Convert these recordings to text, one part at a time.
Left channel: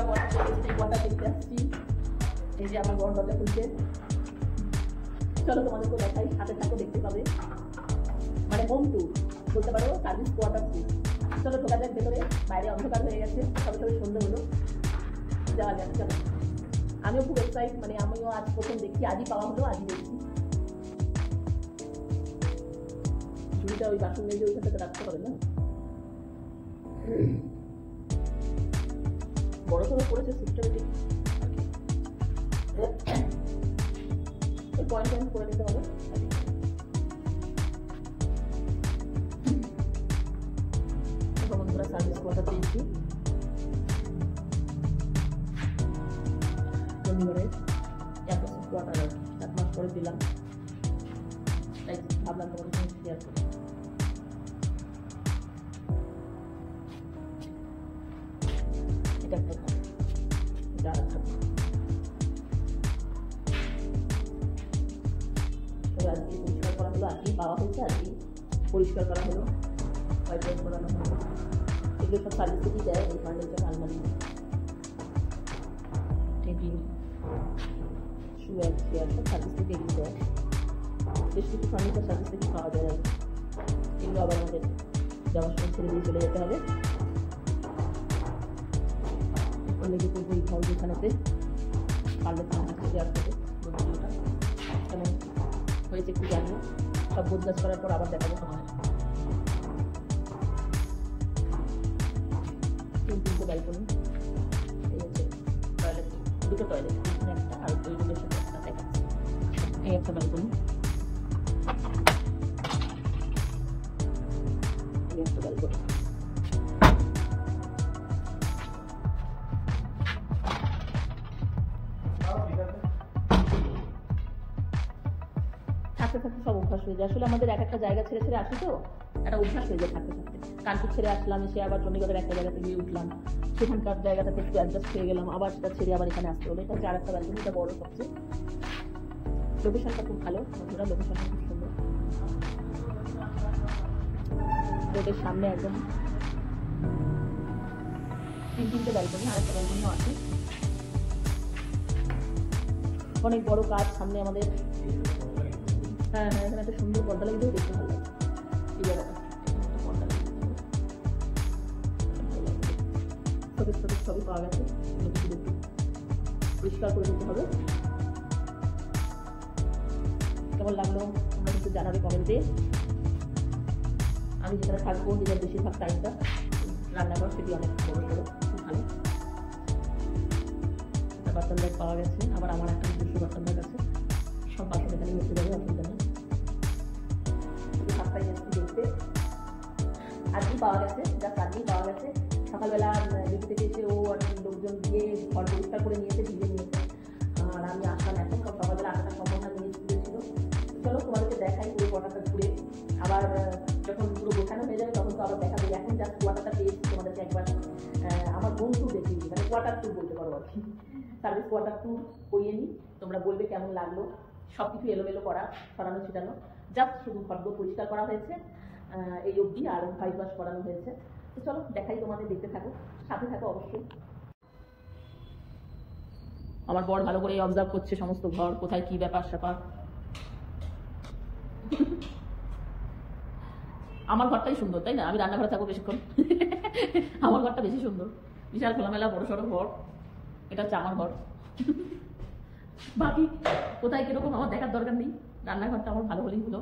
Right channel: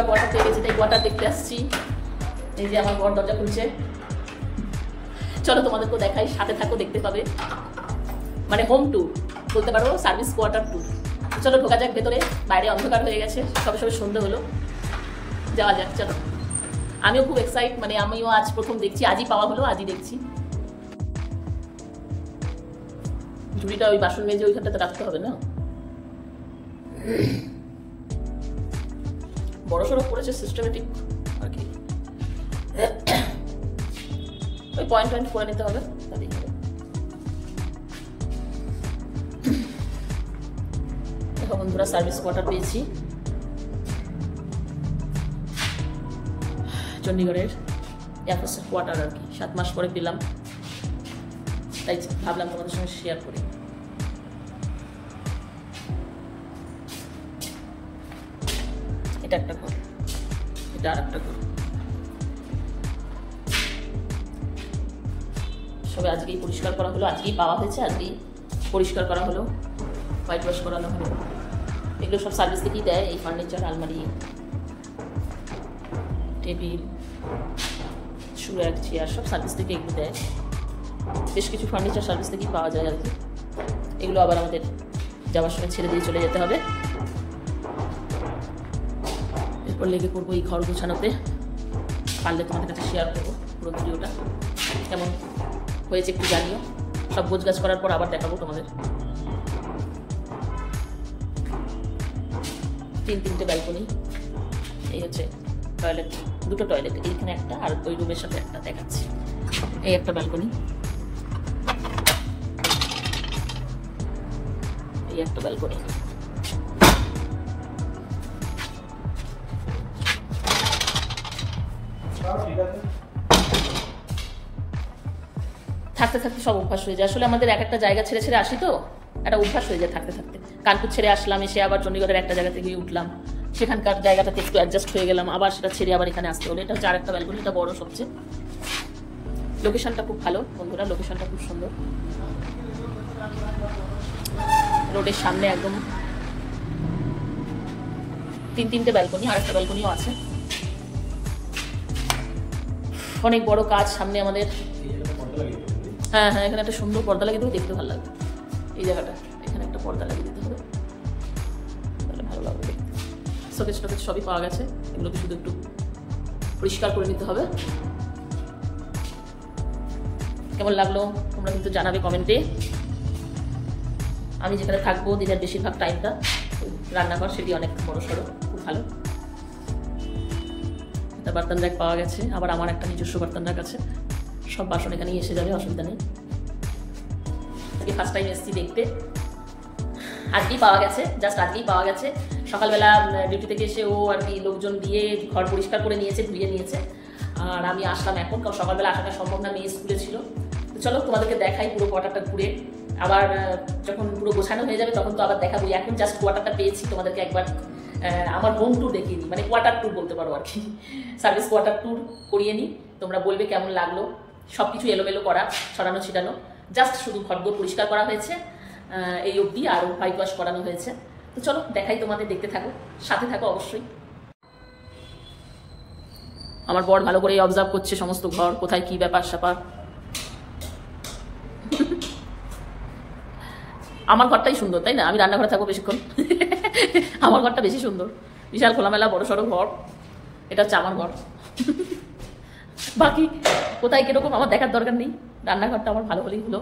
আমরা কোয়ার্টার পেয়ে গেছি, তাই কোয়ার্টার দেখতে আসছি। এই যে আমার বর দরজা খুলছে, চলো তোমাদেরকেও দেখাই, সাথে থাকো, দেখতে পাবে। মানে হোম ট্যুর বলতে পারো, সার্ভিস কোয়ার্টার ট্যুর। চলো ঢোকা যাক ভেতরে, বাইরে অন্ধকার হয়ে গেছে, সবে সবে সন্ধ্যে হলো, যাওয়া যাক চলো। আমিও খুব এক্সাইট, মানে আমিও আজ প্রথম দেখছি, আজই পাওয়া হলো, আজই দেখছি। ঝুড়িটা ওই বাসন মেজে ওইখানটাতে রাখতে হবে না, বড় সড়ো করেছে, সিস্টেমেটিক আর কি। ওই পয়েন্ট করে নিতে হবে। বন্ধুরা সার্ভিস কোয়ার্টার পেয়েছি চণ্ডীগড়ের এয়ারফোর্সের কোয়ার্টার আর কি, 7 মাস পরে পেলাম, তাই ভাবলাম তোমাদের সঙ্গে শেয়ার করি। এটা একটা ঘর, এটা আর একটা ঘর, সবে আজকেই পরিষ্কার করা হলো, আজকেই পাওয়া হয়েছে, আজকেই পরিষ্কার করা হলো, হোয়াইট ওয়াশ করানো হলো। এগুলো সব সার্ভিস থেকেই দেয়, এই ফার্নিচার, আলমারি, টেবিল, শুয়ার, চেয়ার, সব সার্ভিস থেকে এগুলো দেয়। বেশ কিছু ফার্নিচার সার্ভিস থেকেই পাওয়া যায় আর কি। এগুলো আবার আমাদের যাওয়ার সময় ছেড়ে দিয়ে চলে যেতে হবে। এরপর লেগে পড়বো এই ঘর গুছানোতে, পারলে তোমাদের কাছে শেয়ার করবো পুরো ভিডিওটা, কেমন হয়েছে একটু জানিও। সব গোছগাছ করার পর আবার দেখাবো তোমাদের। 3-3টে ব্যালকনি, এই হচ্ছে টয়লেট, 2টো টয়লেট, এইখানে একটা আর ওই রুমের সাথে একটা দেখাচ্ছি। এই একটা ব্যালকনি, এই একটা ব্যালকনি। থাকতে থাকতে সব অভ্যাস হয়ে যায়, আসলে আমাদের এক একটা জায়গা ছেড়ে ছেড়ে আসি তো, একটা অভ্যাস হয়ে যায় থাকতে থাকতে। কানপুর ছেড়ে আসলাম, এসে আবার চণ্ডীগড়ের একটা জায়গা থেকে উঠলাম, সেখানকার জায়গাটাতে একটু অ্যাডজাস্ট হয়ে গেলাম, আবার সেটা ছেড়ে আবার এখানে আসতে হলো। এটা হচ্ছে আরেকটা ব্যালকনি, এটা বড় সবচেয়ে। লোকেশনটা খুব ভালো বন্ধুরা, লোকেশনটা খুব সুন্দর, রোডের সামনে একদম। 3-3টে ব্যালকনি, আর একটা ব্যালকনিও আছে। অনেক বড় কাজ সামনে আমাদের। হ্যাঁ হ্যাঁ, এখানে একটা সুন্দর পর্দা লাগিয়ে দেবো, দেখতে ভালো লাগবে। এই জায়গাটা, এখানে একটা পর্দা লাগিয়ে দিতে হবে, তাহলে ভালো লাগবে। শোকেস টোকেস সবই পাওয়া গেছে, এগুলোকে শুধু একটু পরিষ্কার করে নিতে হবে। কেমন লাগলো তোমরা কিন্তু জানাবে কমেন্টে। আমি যেখানে থাকবো দিনের বেশিরভাগ টাইমটা, রান্নাঘর, সেটি অনেক বড় সড়ো, খুব ভালো। একটা বার্তন র্যাক পাওয়া গেছে, আবার আমার একটা নিজস্ব বার্তন র্যাক আছে, সব বাসন এখানেই এসে যাবে, অসুবিধা নেই। ফার্স্ট টাইম এসেছি দেখতে, আজকেই পাওয়া গেছে, জাস্ট আজকেই পাওয়া গেছে। সকালবেলা ডিউটি থেকে এসে ও আর কি লোকজন দিয়ে ঘর পরিষ্কার করে নিয়েছে, ধুয়ে নিয়েছে, আর আমি আসলাম এখন, কারণ সকালবেলা আসাটা সম্ভব না, মেয়ে স্কুলে ছিল। চলো তোমাদেরকে দেখাই পুরো কোয়ার্টারটা ঘুরে, আবার যখন পুরো গোছানো হয়ে যাবে তখন তো আবার দেখাবো। এখন জাস্ট কোয়ার্টারটা পেয়েছি, তোমাদেরকে একবার আমার হোম ট্যুর দেখিয়ে নিই, মানে কোয়ার্টার ট্যুর বলতে পারো আর কি, সার্ভিস কোয়ার্টার ট্যুর করিয়ে নিই। তোমরা বলবে কেমন লাগলো। সব কিছু এলোমেলো করা, ছড়ানো ছিটানো, জাস্ট শুধু ঘরদোর পরিষ্কার করা হয়েছে এই অবধি, আর হোয়াইট ওয়াশ করানো হয়েছে। তো চলো দেখাই তোমাদের, দেখতে থাকো, সাথে থাকো অবশ্যই। আমার বর ভালো করে অবজার্ভ করছে সমস্ত ঘর, কোথায় কি ব্যাপার স্যাপার। আমার ঘরটাই সুন্দর, তাই না? আমি রান্নাঘরে থাকবো বেশিক্ষণ, আমার ঘরটা বেশি সুন্দর, বিশাল খোলামেলা বড় সড়ো ঘর। এটা হচ্ছে আমার ঘর, বাকি কোথায় কিরকম আমার দেখার দরকার নেই, রান্নাঘরটা আমার ভালো হলেই হলো।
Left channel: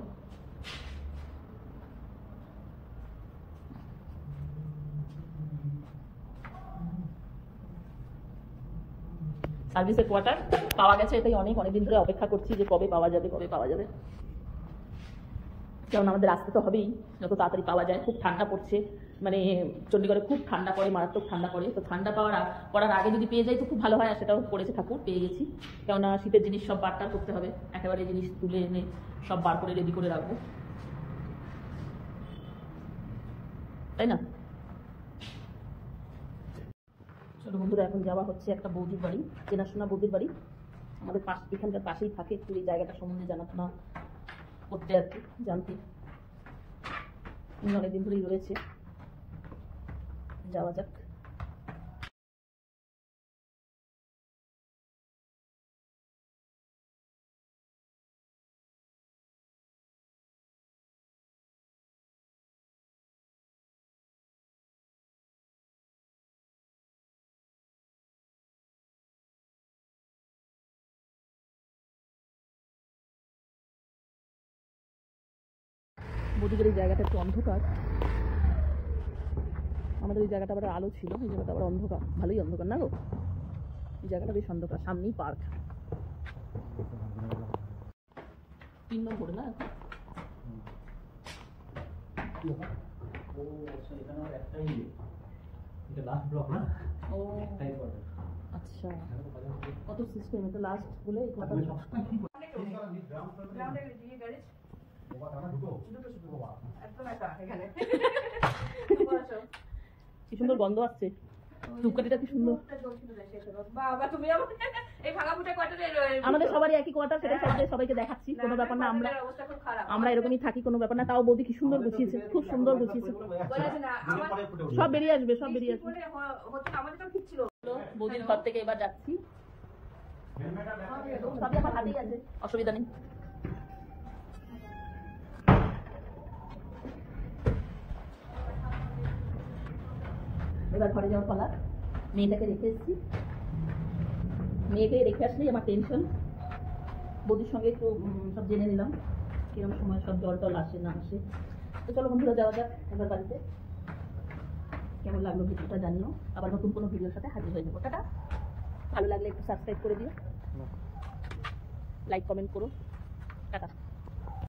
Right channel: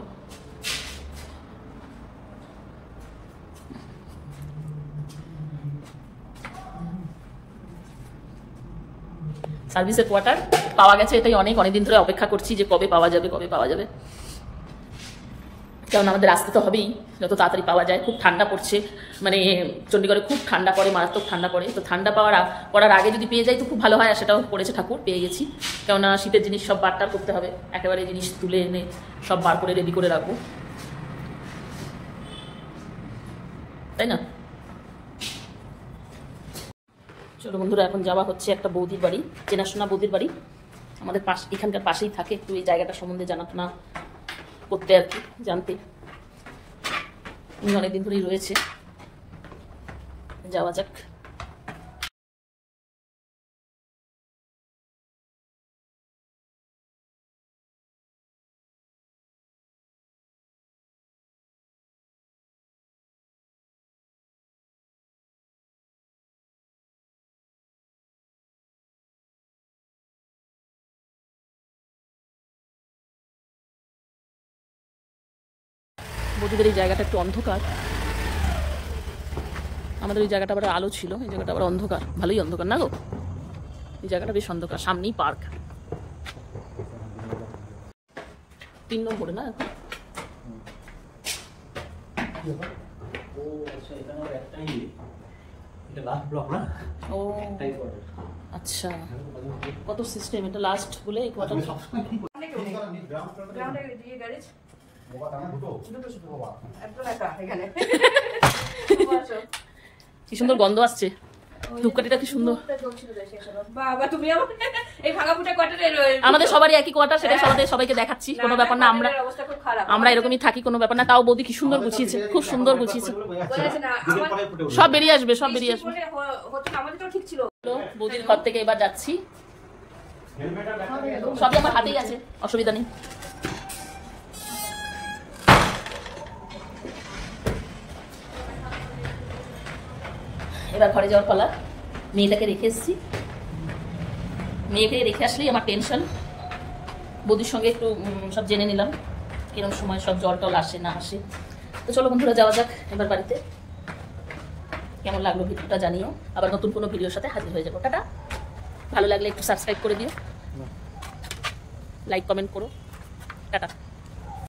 সার্ভিসের কোয়ার্টার পাওয়া গেছে, এটাই অনেক দিন ধরে অপেক্ষা করছি যে কবে পাওয়া যাবে, কবে পাওয়া যাবে। কারণ আমাদের আসতে তো হবেই, যত তাড়াতাড়ি পাওয়া যায়। খুব ঠান্ডা পড়ছে, মানে চণ্ডীগড়ে খুব ঠান্ডা পড়ে, মারাত্মক ঠান্ডা পড়ে। তো ঠান্ডা পড়ার আগে যদি পেয়ে যাই তো খুব ভালো হয়, আর সেটাও করেছে ঠাকুর, পেয়ে গেছি। কেননা শীতের জিনিস সব বারটার করতে হবে, একেবারে জিনিস তুলে এনে সব বার করে রেডি করে রাখবো, তাই না? চলো বন্ধুরা, এখন যাওয়া হচ্ছে একটা বৌদির বাড়ি, চেনাশোনা বৌদির বাড়ি, আমাদের এখানকার পাশেই থাকে। একটু এই জায়গাটা সম্বন্ধে জানাশোনা করতে আর কি, জানতে অনেকদিন ধরেই রয়েছে। যাওয়া যাক। বৌদিদের এই জায়গাটা একটু অন্ধকার, আমাদের এই জায়গাটা আবার আলো ছিল, এই জায়গাটা আবার অন্ধকার, ভালোই অন্ধকার না গো, এই জায়গাটা বেশ অন্ধকার, সামনেই পার্ক। 3 নম্বরে না ও আচ্ছা, কত সিস্টেম, এটা লাস্ট বলে এই কোয়ার্টার। কি সুন্দর গন্ধ আসছে, ধূপকাঠিটা কি সুন্দর। আমাদের সবারই একই কোয়ার্টার, সেটা সবাইকে দেখাচ্ছি, কোনো ব্যাপার না, আমরা এরকমই থাকি, কোনো ব্যাপার না। তাও বৌদি কি সুন্দর গুছিয়েছে, খুব সুন্দর গুছিয়েছে, সব বেরিয়ে আসবে, সব বেরিয়ে আসবে। বৌদির ঘর থেকে এবার যাচ্ছি, সবই আমার হাতেই আছে, অসুবিধা নেই। এবার ঘরে যাওয়ার পালা, মেয়েটাকে রেখে এসেছি, মেয়েকে রেখে আসলেই আমার টেনশন। বৌদির সঙ্গে একটু সব জেনে নিলাম কিরকম সময় সব জল টল আসে না আসে। তো চলো বন্ধুরা যাওয়া যাক এবার বাড়িতে। কেমন লাগলো ভিডিওটা জানিও, আবার নতুন কোনো ভিডিওর সাথে হাজির হয়ে যাবো। টাটা। ভালো লাগলে একটু সাবস্ক্রাইব করে দিও, লাইক কমেন্ট করো। টাটা।